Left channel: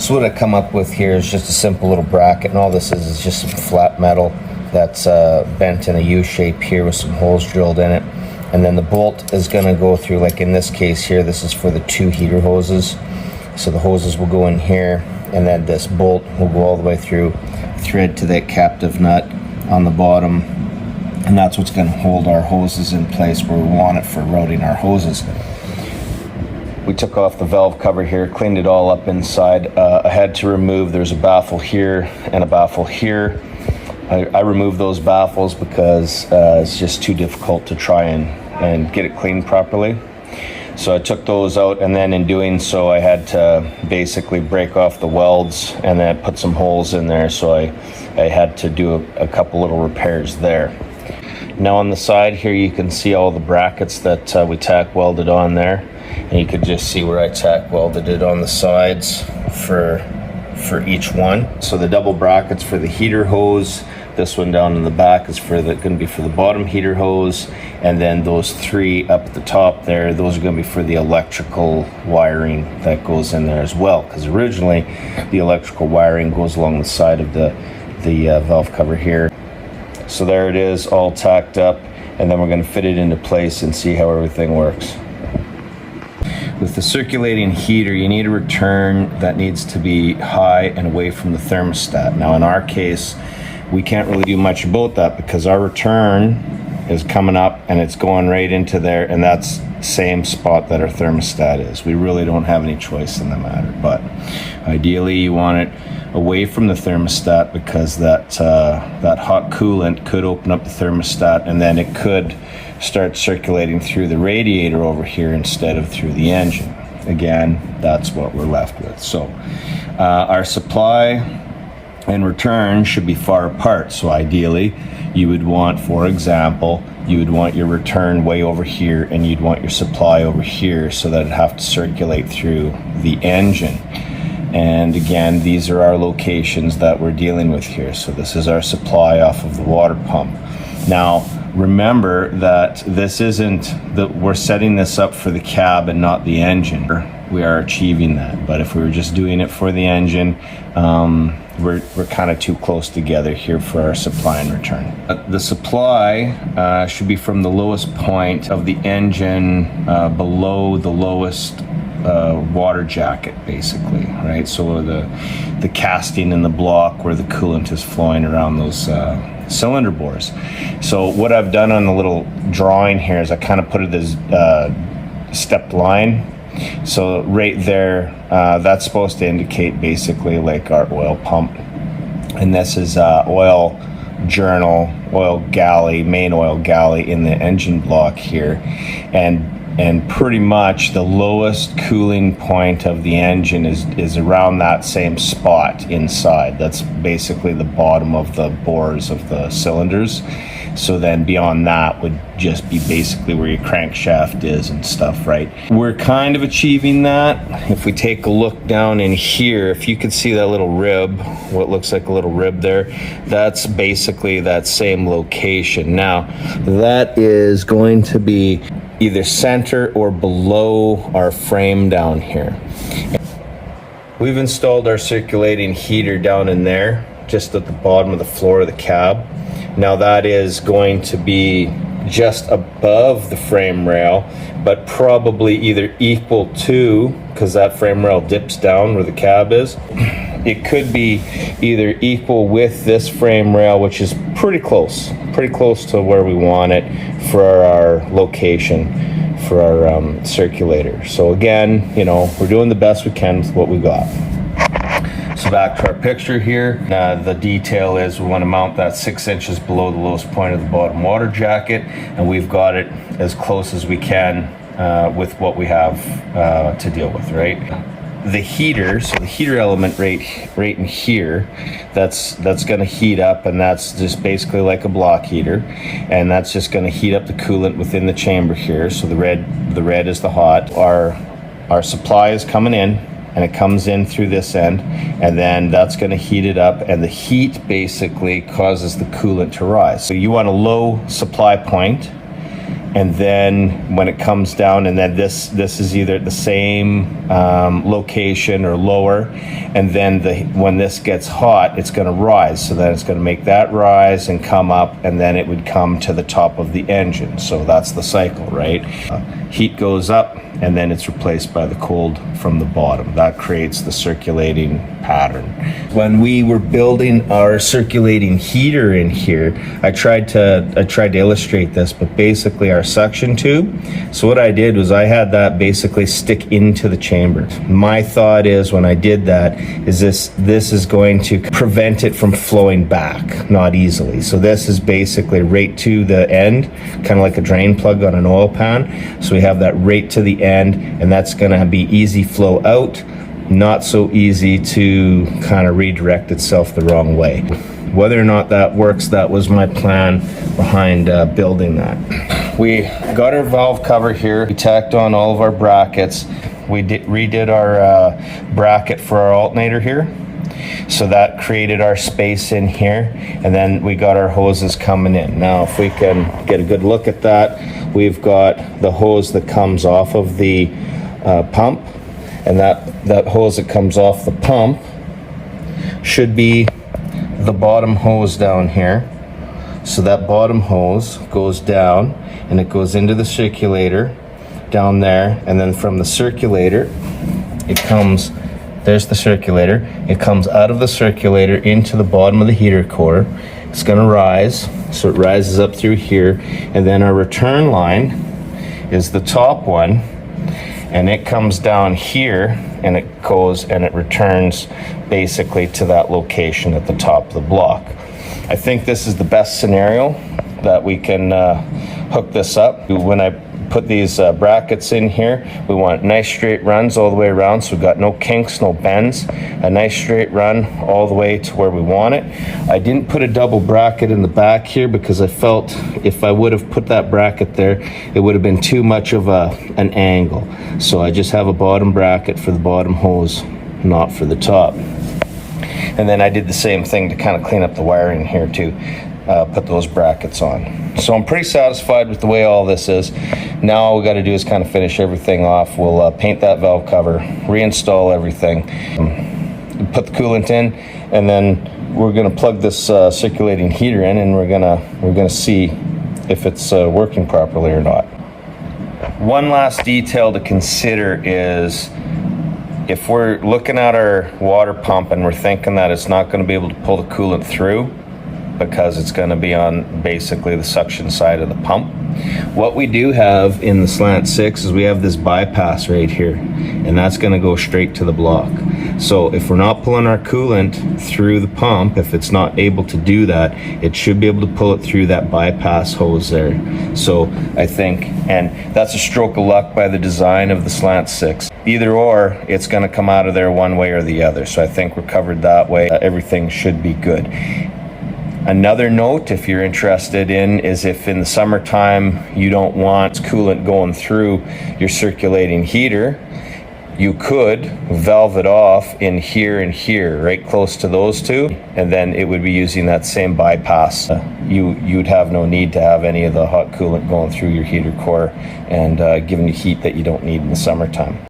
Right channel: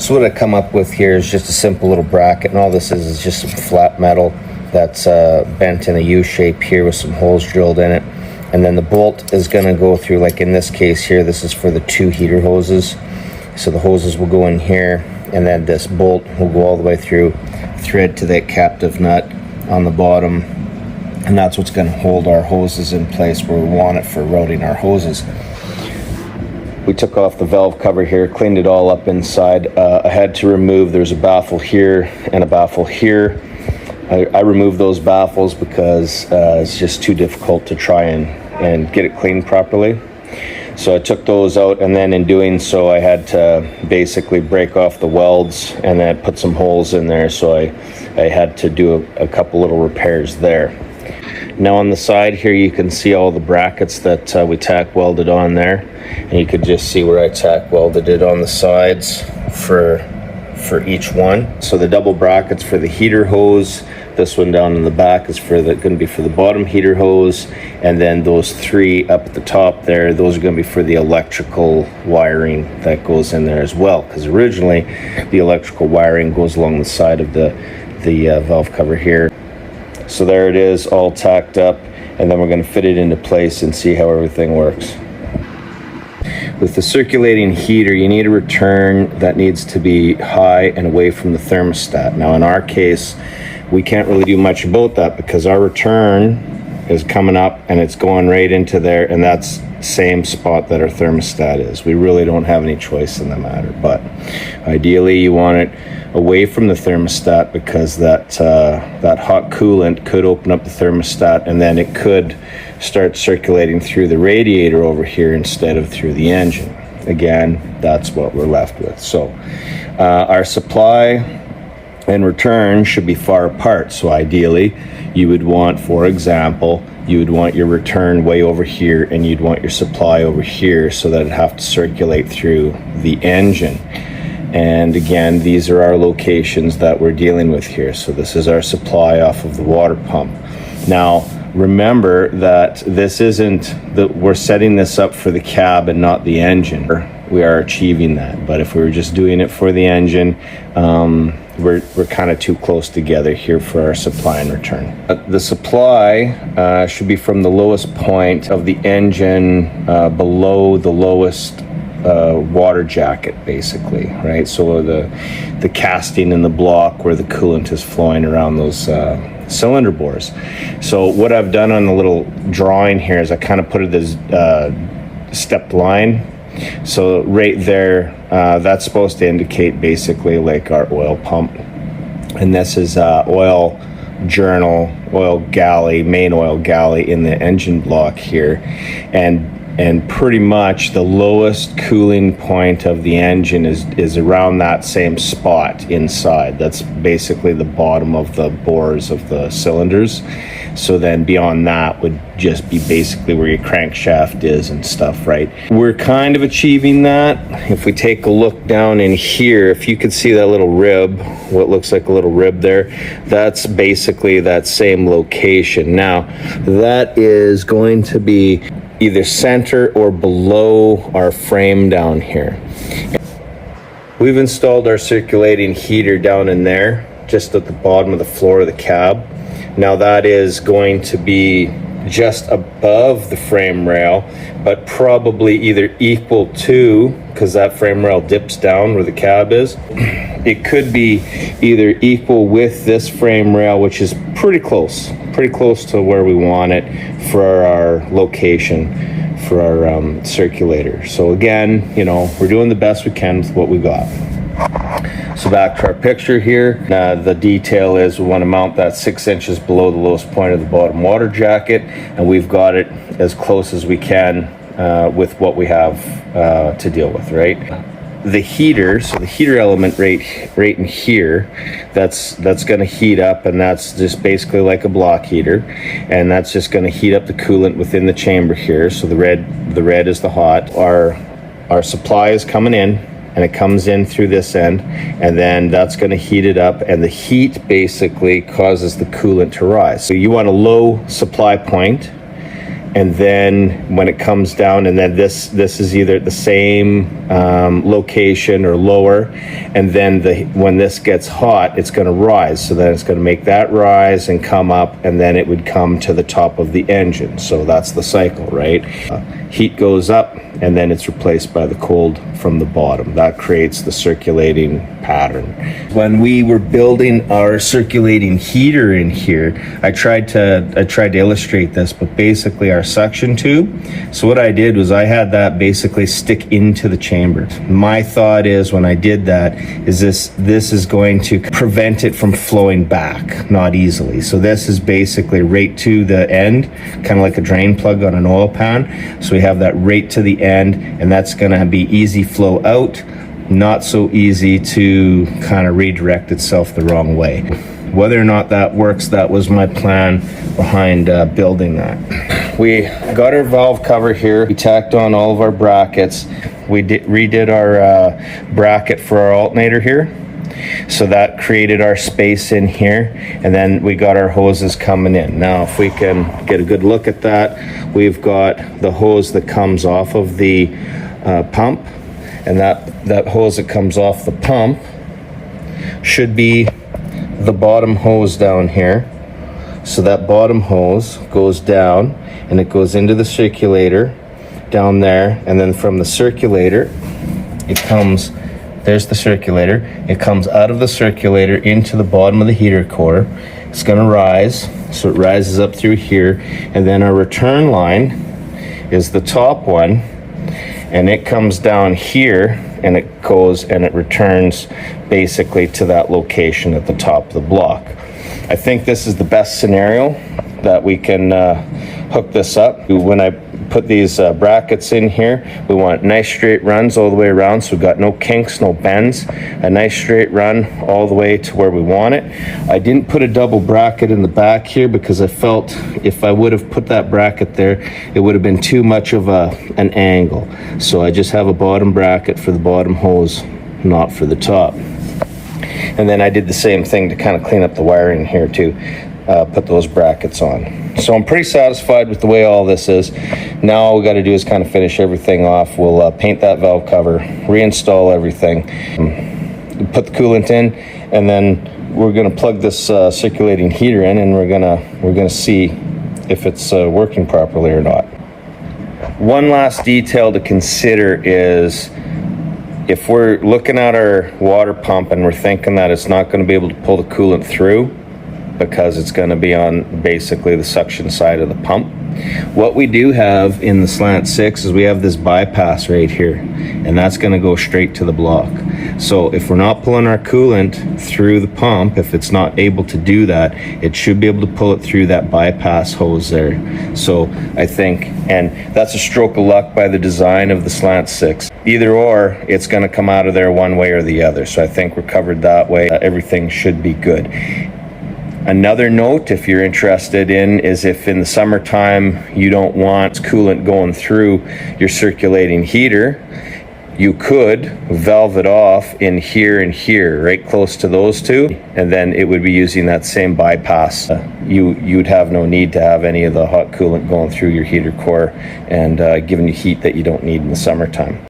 So what I come up with here is just a simple little bracket, and all this is just some flat metal that's bent in a U shape here with some holes drilled in it. And then the bolt is going to go through, like in this case here, this is for the 2 heater hoses. So the hoses will go in here, and then this bolt will go all the way through, thread to that captive nut on the bottom, and that's what's going to hold our hoses in place where we want it for routing our hoses. We took off the valve cover here, cleaned it all up inside. I had to remove, there's a baffle here and a baffle here. I removed those baffles because it's just too difficult to try and get it cleaned properly. So I took those out, and then in doing so I had to basically break off the welds and then put some holes in there, so I had to do a couple little repairs there. Now on the side here you can see all the brackets that we tack welded on there, and you could just see where I tack welded it on the sides for each one. So the double brackets for the heater hose, this one down in the back is going to be for the bottom heater hose, and then those 3 up at the top there, those are going to be for the electrical wiring that goes in there as well, because originally the electrical wiring goes along the side of the valve cover here. So there it is, all tacked up, and then we're going to fit it into place and see how everything works. With the circulating heater, you need a return that needs to be high and away from the thermostat. Now in our case, we can't really do much about that because our return is coming up and it's going right into there, and that's the same spot that our thermostat is. We really don't have any choice in the matter, but ideally you want it away from the thermostat, because that hot coolant could open up the thermostat, and then it could start circulating through the radiator over here instead of through the engine. Again, that's what we're left with. So our supply and return should be far apart. So ideally you would want, for example, you would want your return way over here and you'd want your supply over here, so that it'd have to circulate through the engine. And again, these are our locations that we're dealing with here. So this is our supply off of the water pump. Now remember that this isn't that we're setting this up for the cab and not the engine. We are achieving that, but if we were just doing it for the engine, we're kind of too close together here for our supply and return. The supply should be from the lowest point of the engine below the lowest water jacket, basically, right? So the casting in the block where the coolant is flowing around those cylinder bores. So what I've done on the little drawing here is I kind of put it as stepped line. So right there, that's supposed to indicate basically like our oil pump, and this is oil journal, oil galley, main oil galley in the engine block here, and pretty much the lowest cooling point of the engine is around that same spot inside. That's basically the bottom of the bores of the cylinders. So then beyond that would just be basically where your crankshaft is and stuff, right? We're kind of achieving that. If we take a look down in here, if you can see that little rib, what looks like a little rib there, that's basically that same location. Now, that is going to be either center or below our frame down here. We've installed our circulating heater down in there, just at the bottom of the floor of the cab. Now that is going to be just above the frame rail, but probably either equal to, because that frame rail dips down where the cab is, it could be either equal with this frame rail, which is pretty close to where we want it for our location for our circulator. So again, you know, we're doing the best we can with what we got. So back to our picture here, the detail is we want to mount that 6 inches below the lowest point of the bottom water jacket, and we've got it as close as we can with what we have to deal with, right? The heater, so the heater element right in here, that's going to heat up, and that's just basically like a block heater, and that's just going to heat up the coolant within the chamber here. So the red is the hot. Our supply is coming in, and it comes in through this end, and then that's going to heat it up, and the heat basically causes the coolant to rise. So you want a low supply point, and then when it comes down, and then this is either at the same location or lower, and then when this gets hot, it's going to rise. So then it's going to make that rise and come up, and then it would come to the top of the engine. So that's the cycle, right? Heat goes up, and then it's replaced by the cold from the bottom. That creates the circulating pattern. When we were building our circulating heater in here, I tried to illustrate this, but basically our suction tube. So what I did was I had that basically stick into the chamber. My thought is when I did that is this is going to prevent it from flowing back, not easily. So this is basically right to the end, kind of like a drain plug on an oil pan. So we have that right to the end, and that's going to be easy flow out, not so easy to kind of redirect itself the wrong way. Whether or not that works, that was my plan behind building that. We got our valve cover here. We tacked on all of our brackets. We redid our bracket for our alternator here. So that created our space in here, and then we got our hoses coming in. Now if we can get a good look at that, we've got the hose that comes off of the pump, and that hose that comes off the pump should be the bottom hose down here. So that bottom hose goes down and it goes into the circulator down there, and then from the circulator it comes, there's the circulator, it comes out of the circulator into the bottom of the heater core. It's going to rise, so it rises up through here, and then our return line is the top one, and it comes down here and it goes and it returns basically to that location at the top of the block. I think this is the best scenario that we can hook this up. When I put these brackets in here, we want nice straight runs all the way around, so we've got no kinks, no bends, a nice straight run all the way to where we want it. I didn't put a double bracket in the back here because I felt if I would have put that bracket there, it would have been too much of an angle. So I just have a bottom bracket for the bottom hose, not for the top. And then I did the same thing to kind of clean up the wiring here too. Put those brackets on. So I'm pretty satisfied with the way all this is. Now all we got to do is kind of finish everything off. We'll paint that valve cover, reinstall everything, put the coolant in, and then we're going to plug this circulating heater in, and we're gonna see if it's working properly or not. One last detail to consider is if we're looking at our water pump and we're thinking that it's not going to be able to pull the coolant through because it's going to be on basically the suction side of the pump. What we do have in the Slant 6 is we have this bypass right here, and that's going to go straight to the block. So if we're not pulling our coolant through the pump, if it's not able to do that, it should be able to pull it through that bypass hose there. So I think, and that's a stroke of luck by the design of the Slant 6. Either or, it's going to come out of there one way or the other. So I think we're covered that way. Everything should be good. Another note, if you're interested in, is if in the summertime you don't want coolant going through your circulating heater, you could valve it off in here and here, right close to those two, and then it would be using that same bypass. You'd have no need to have any of the hot coolant going through your heater core and giving you heat that you don't need in the summertime.